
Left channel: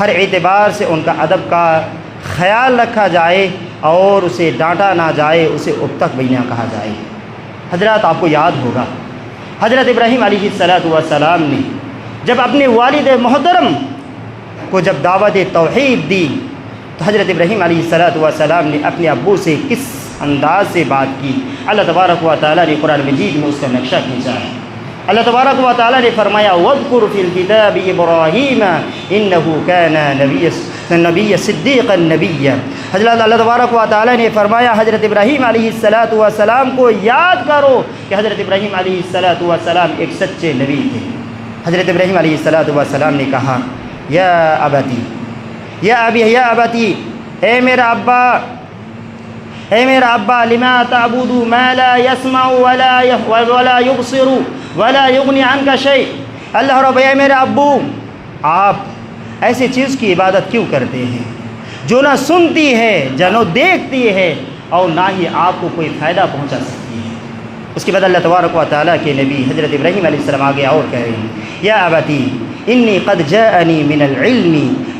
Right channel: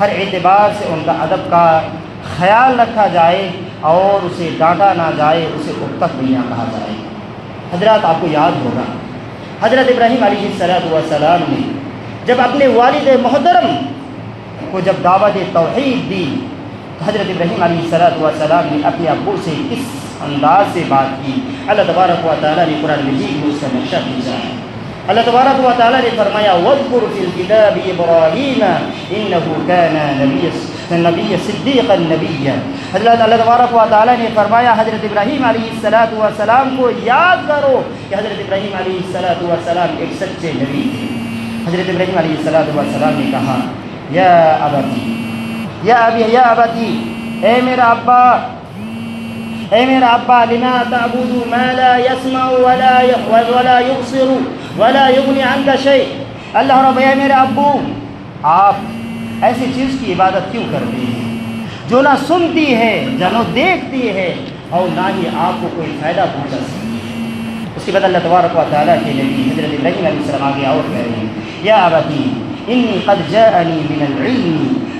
ہر اعتبار سے ان کا ادب کا خیال رکھا جائے اور اسے ڈانٹا نہ جائے، اسے ابتک بھی نہ کہا جائے۔ حضرات آپ کو یاد ہوگا حضرت ابراہیم علیہ السلام نے جب اپنے والد محترم کو جب دعوت توحید دی تو حضرت ابراہیم علیہ السلام نے اپنے ابو سے کس انداز سے بات کی؟ اللہ تبارک و تعالیٰ نے قرآن مجید میں اس کا نقشہ کھینچا ہے۔ اللہ تبارک و تعالیٰ نے فرمایا وَاذْكُرْ فِي الْكِتَابِ إِبْرَاهِيمَ إِنَّهُ كَانَ نَبِيًّا صِدِّيقًا نَبِيًّا۔ حضرت اللہ تبارک و تعالیٰ نے فرمایا حضرت ابراہیم علیہ السلام کو یاد کرو کہ حضرت ابراہیم علیہ السلام ایک سچے نبی تھے۔ حضرت ابراہیم علیہ السلام نے کہا یا ابتی، اے میرا ابا لما تعبد ما لا يسمع ولا يبصر ولا يغني عنك شيء۔ اللہ رب، اے میرے ابو آپ ایسی چیز کی عبادت کیوں کرتے ہیں جو نہ سنتی ہے نہ دیکھتی ہے اور نہ ہی آپ کو کوئی فائدہ پہنچا سکتی ہے۔ اس کے بعد اللہ تبارک و تعالیٰ کے نبی حضرت ابراہیم علیہ السلام آگے اور کہہ رہے ہیں یا ابتی انی قد جاءنی من العلم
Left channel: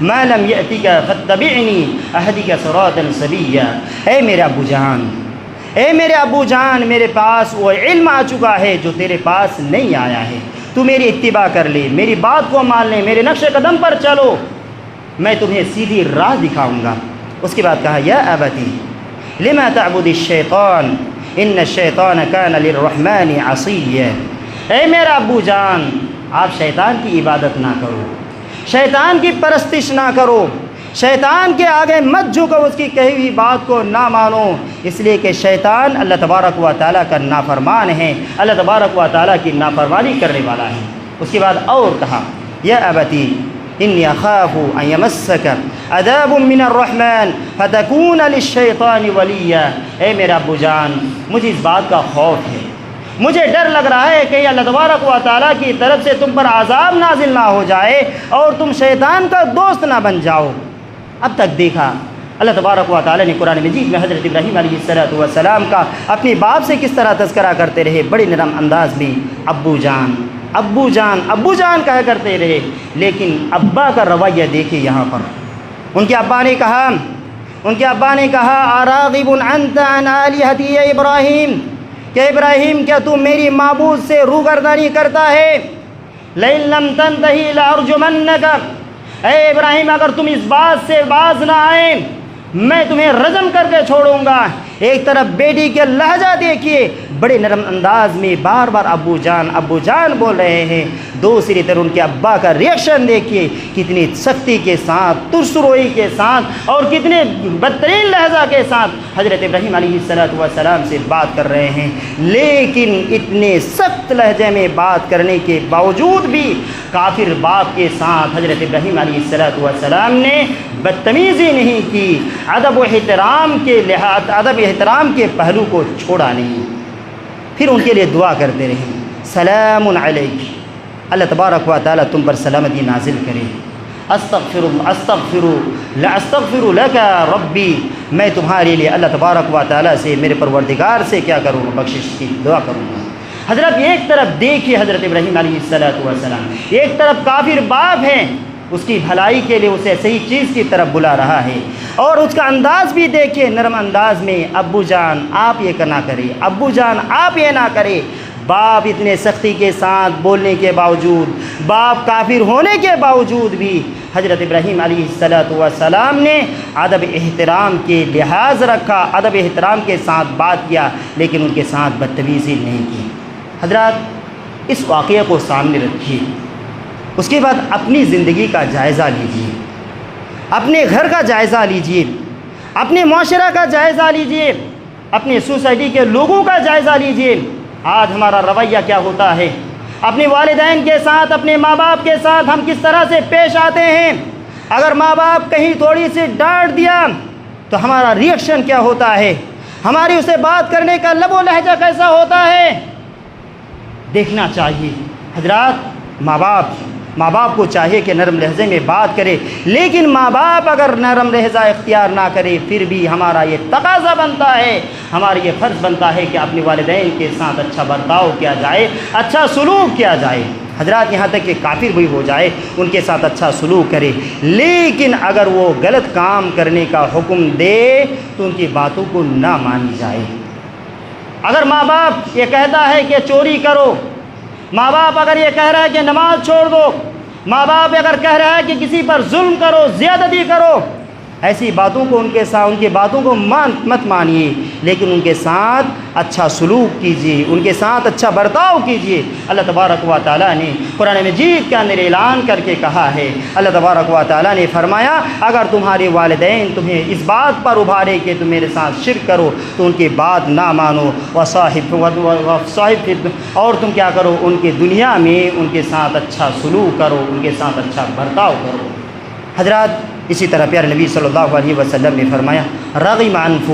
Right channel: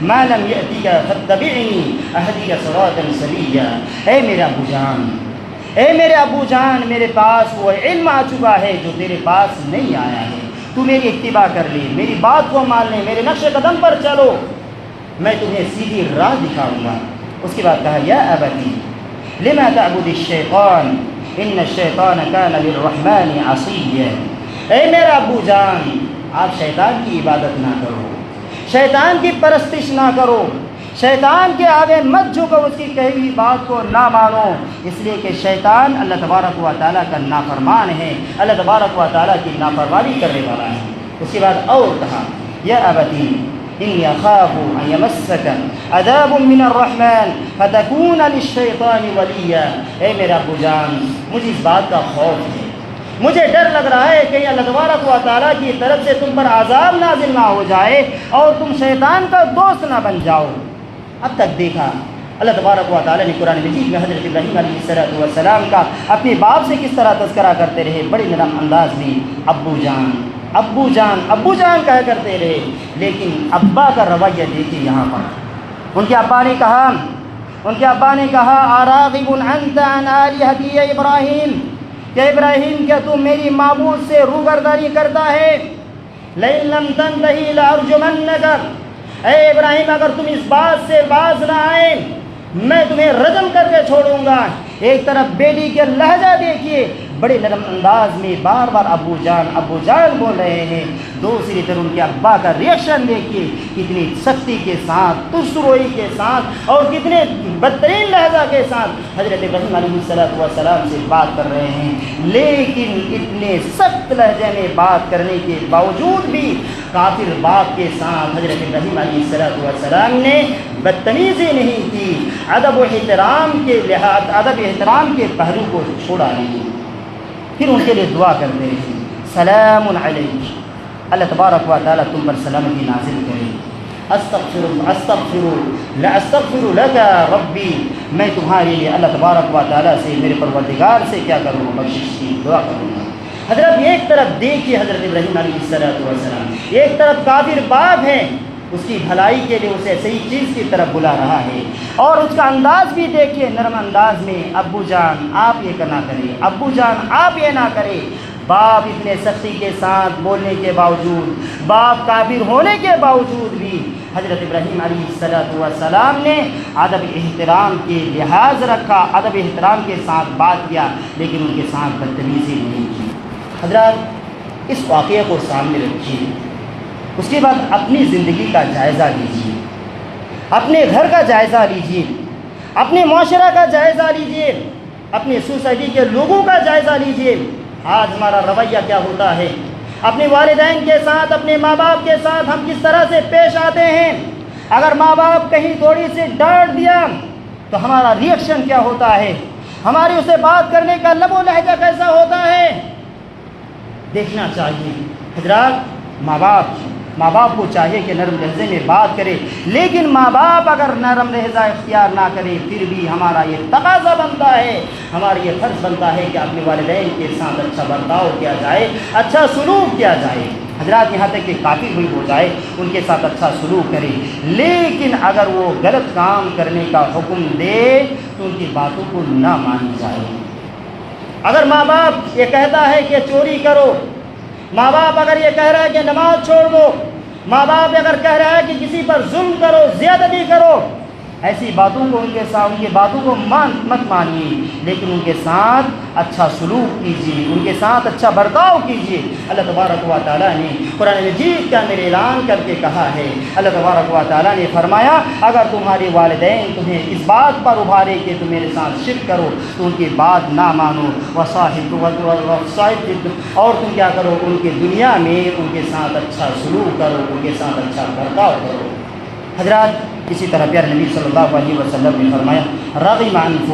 ما لم یأتک فاتبعنی اہدک صراطا سویا۔ اے میرے ابو جان میرے پاس وہ علم آ چکا ہے جو تیرے پاس نہیں آیا ہے، تو میری اتباع کر لے، میری بات کو مان لے، میرے نقش قدم پر چلو، میں تمہیں سیدھی راہ دکھاؤں گا۔ اس کے بعد کہا یا ابتی لما تعبد الشیطان ان الشیطان کان للرحمن عصیا۔ اے میرا ابو جان آپ شیطان کی عبادت نہ کرو، شیطان کی پرستش نہ کرو، شیطان کے آگے مت جھکو، اس کی کہی ہوئی بات کو نہ مانو، اس لیے کہ شیطان اللہ تبارک و تعالیٰ کا نافرمان ہے، اللہ تبارک و تعالیٰ کی نافرمانی کرنے والا ہے۔ اس کے بعد اور کہا یا ابتی انی اخاف ان یمسک عذاب من الرحمن فتکون للشیطان ولیا۔ اے میرا ابو جان مجھے اس بات کا خوف ہے، مجھے ڈر لگ رہا ہے کہ اللہ تبارک و تعالیٰ کی طرف سے تم پر عذاب نازل نہ ہو جائے اور تم شیطان کا دوست نہ بن جاؤ۔ اب تک دیکھا اللہ تبارک و تعالیٰ نے قرآن مجید میں حضرت ابراہیم علیہ السلام کا اپنے باپ سے کس طرح تذکرہ کرتے رہے، بڑی نرم انداز میں ابو جان ابو جان ابو جان کہا کرتے رہے، لیکن ابا کا رویہ دیکھیے یہاں پر۔ ان کے ابا نے کہا ان کے ابا نے کہا اراغب انت عن آلہتی یا ابراہیم، کہ ابراہیم کیا تو میری معبود سے روگردانی کرتا ہے؟ لئن لم تنتہی لارجمنک، اے ابراہیم اگر تم اس بات سے باز نہ آئے میں تمہیں رجم کر کے چھوڑوں گا۔ ایک طرف بیٹی کے لہجہ دیکھیے، بڑے نرم انداز میں بار بار ابو جان بول رہے ہیں، دوسری طرف ان کے ابا کا ریئیکشن دیکھیے، کتنی سختی کے ساتھ، ترسروئی کے ساتھ اور کتنے بدترین لہجہ کے ساتھ حضرت ابراہیم علیہ السلام سے بات کر رہے ہیں۔ لیکن اتنے سخت لہجے میں بات کرنے کے باوجود بھی کافر باپ کے ساتھ حضرت ابراہیم علیہ السلام نے بدتمیزی نہیں کی، ادب و احترام کے پہلو کو چھوڑا نہیں۔ پھر ان کے لیے دعا کرتے رہے، سلام علیک، اللہ تبارک و تعالیٰ تم پر سلامتی نازل کرے۔ استغفر لک ربی، میں تمہارے لیے اللہ تبارک و تعالیٰ سے، میرے پروردگار سے کیا کروں؟ بخشش کی دعا کروں گا۔ حضرت ایک طرف دیکھیے حضرت ابراہیم علیہ السلام، ایک طرف کافر باپ ہیں، اس کی بھلائی کے لیے اسے صحیح چیز کی طرف بلا رہا ہے، اور اس کا انداز بھی دیکھیے نرم انداز میں، ابو جان آپ یہ نہ کریں، ابو جان آپ یہ نہ کریں۔ باپ اتنے سختی کے ساتھ بولنے کے باوجود، باپ کافر ہونے کے باوجود بھی حضرت ابراہیم علیہ السلام نے ادب احترام کے لحاظ رکھا، ادب احترام کے ساتھ بات کیا، لیکن ان کے ساتھ بدتمیزی نہیں کی۔ حضرات اس واقعے کو سامنے رکھیے، اس کے بعد اپنی زندگی کا جائزہ لیجیے، اپنے گھر کا جائزہ لیجیے، اپنے معاشرہ کا جائزہ لیجیے، اپنی سوسائٹی کے لوگوں کا جائزہ لیجیے۔ آج ہمارا رویہ کیا ہوتا ہے؟ اپنے والدین کے ساتھ، اپنے ماں باپ کے ساتھ ہم کس طرح سے پیش آتے ہیں؟ اگر ماں باپ کہیں تھوڑی سی ڈانٹ دیا تو ہمارا ریئیکشن کیا ہوتا ہے؟ ہماری اسے بات کرنے کا لب و لہجہ کیسا ہوتا ہے؟ دیکھنا چاہیے۔ حضرات ماں باپ کو چاہیے کہ نرم لہجے میں بات کرے، لیکن ماں باپ اگر نرم لہجہ اختیار نہ کرے پھر بھی ہمارا یہ تقاضا بنتا ہے، ہمارا یہ فرض بنتا ہے کہ اپنے والدین کے ساتھ اچھا برتاؤ کیا جائے، اچھا سلوک کیا جائے۔ حضرات یہاں تک کہ کافر بھی ہو جائے ان کے ساتھ اچھا سلوک کرے، لیکن اگر وہ غلط کام کرنے کا حکم دے تو ان کی باتوں کو نہ مانی جائے۔ اگر ماں باپ یہ کہتا ہے کہ چوری کرو، ماں باپ اگر یہ کہہ رہا ہے کہ نماز چھوڑ دو، ماں باپ اگر کہہ رہا ہے کہ کسی پر ظلم کرو، زیادتی کرو، ایسی باتوں کو ان کی باتوں کو مت مانیے، لیکن ان کے ساتھ اچھا سلوک کیجیے، ان کے ساتھ اچھا برتاؤ کیجیے۔ اللہ تبارک و تعالیٰ نے قرآن مجید کے اندر اعلان کر کے کہا ہے، اللہ تبارک و تعالیٰ نے فرمایا اگر تمہارے والدین تمہیں اس بات پر ابھارے کہ تم میرے ساتھ شرک کرو تو ان کی بات نہ مانو، وصاحب اور تم کیا کرو؟ ان کے دنیا میں ان کے ساتھ اچھا سلوک کرو، ان کے ساتھ اچھا برتاؤ کرو۔ حضرات اسی طرح پیارے نبی صلی اللہ علیہ وسلم نے فرمایا رغم عنہ،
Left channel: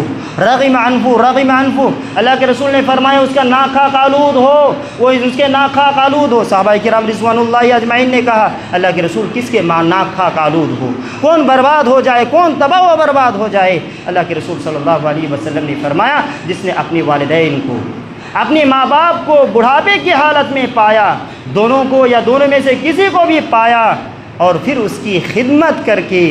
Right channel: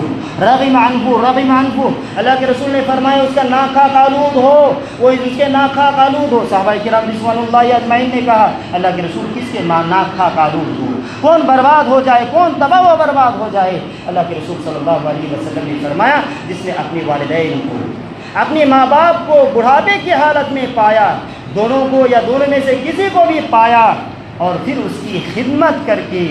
اللہ کے رسول نے فرمایا اس کا ناخاک آلود ہو، وہ اس کے ناخاک آلود ہو۔ صحابہ کرام رضوان اللہ اجمعین نے کہا اللہ کے رسول کس کے ناخاک آلود ہو، کون برباد ہو جائے، کون تباہ و برباد ہو جائے؟ اللہ کے رسول صلی اللہ علیہ وسلم نے فرمایا جس نے اپنے والدین کو، اپنے ماں باپ کو بڑھاپے کی حالت میں پایا، دونوں کو یا دونوں میں سے کسی کو بھی پایا، اور پھر اس کی خدمت کر کے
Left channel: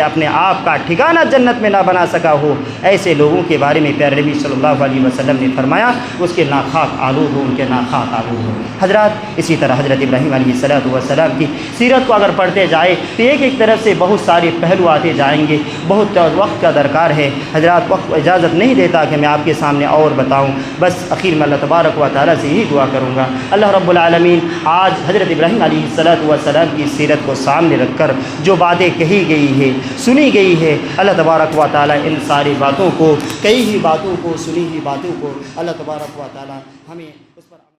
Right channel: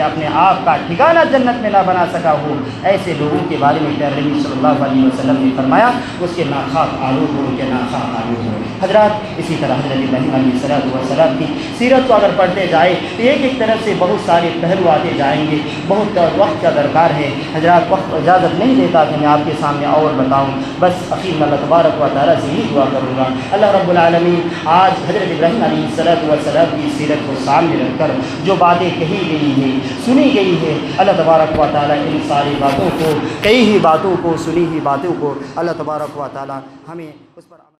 اپنے آپ کا ٹھکانہ جنت میں نہ بنا سکا ہو، ایسے لوگوں کے بارے میں پیارے نبی صلی اللہ علیہ وسلم نے فرمایا اس کے ناخاک آلود ہو، ان کے ناخاک آلود ہو۔ حضرات اسی طرح حضرت ابراہیم علیہ السلام کی سیرت کو اگر پڑھتے جائے تو ایک طرف سے بہت سارے پہلو آتے جائیں گے، بہت وقت کا درکار ہے۔ حضرات وقت اجازت نہیں دیتا کہ میں آپ کے سامنے اور بتاؤں، بس اخیر میں اللہ تبارک و تعالیٰ سے یہی دعا کروں گا اللہ رب العالمین آج حضرت ابراہیم علیہ السلام کی سیرت کو سامنے رکھ کر جو باتیں کہی گئی ہے، سنی گئی ہے، اللہ تبارک و تعالیٰ ان ساری باتوں کو، کئی ہی باتوں کو، سنی ہی باتوں کو اللہ تبارک و تعالیٰ ہمیں اس پر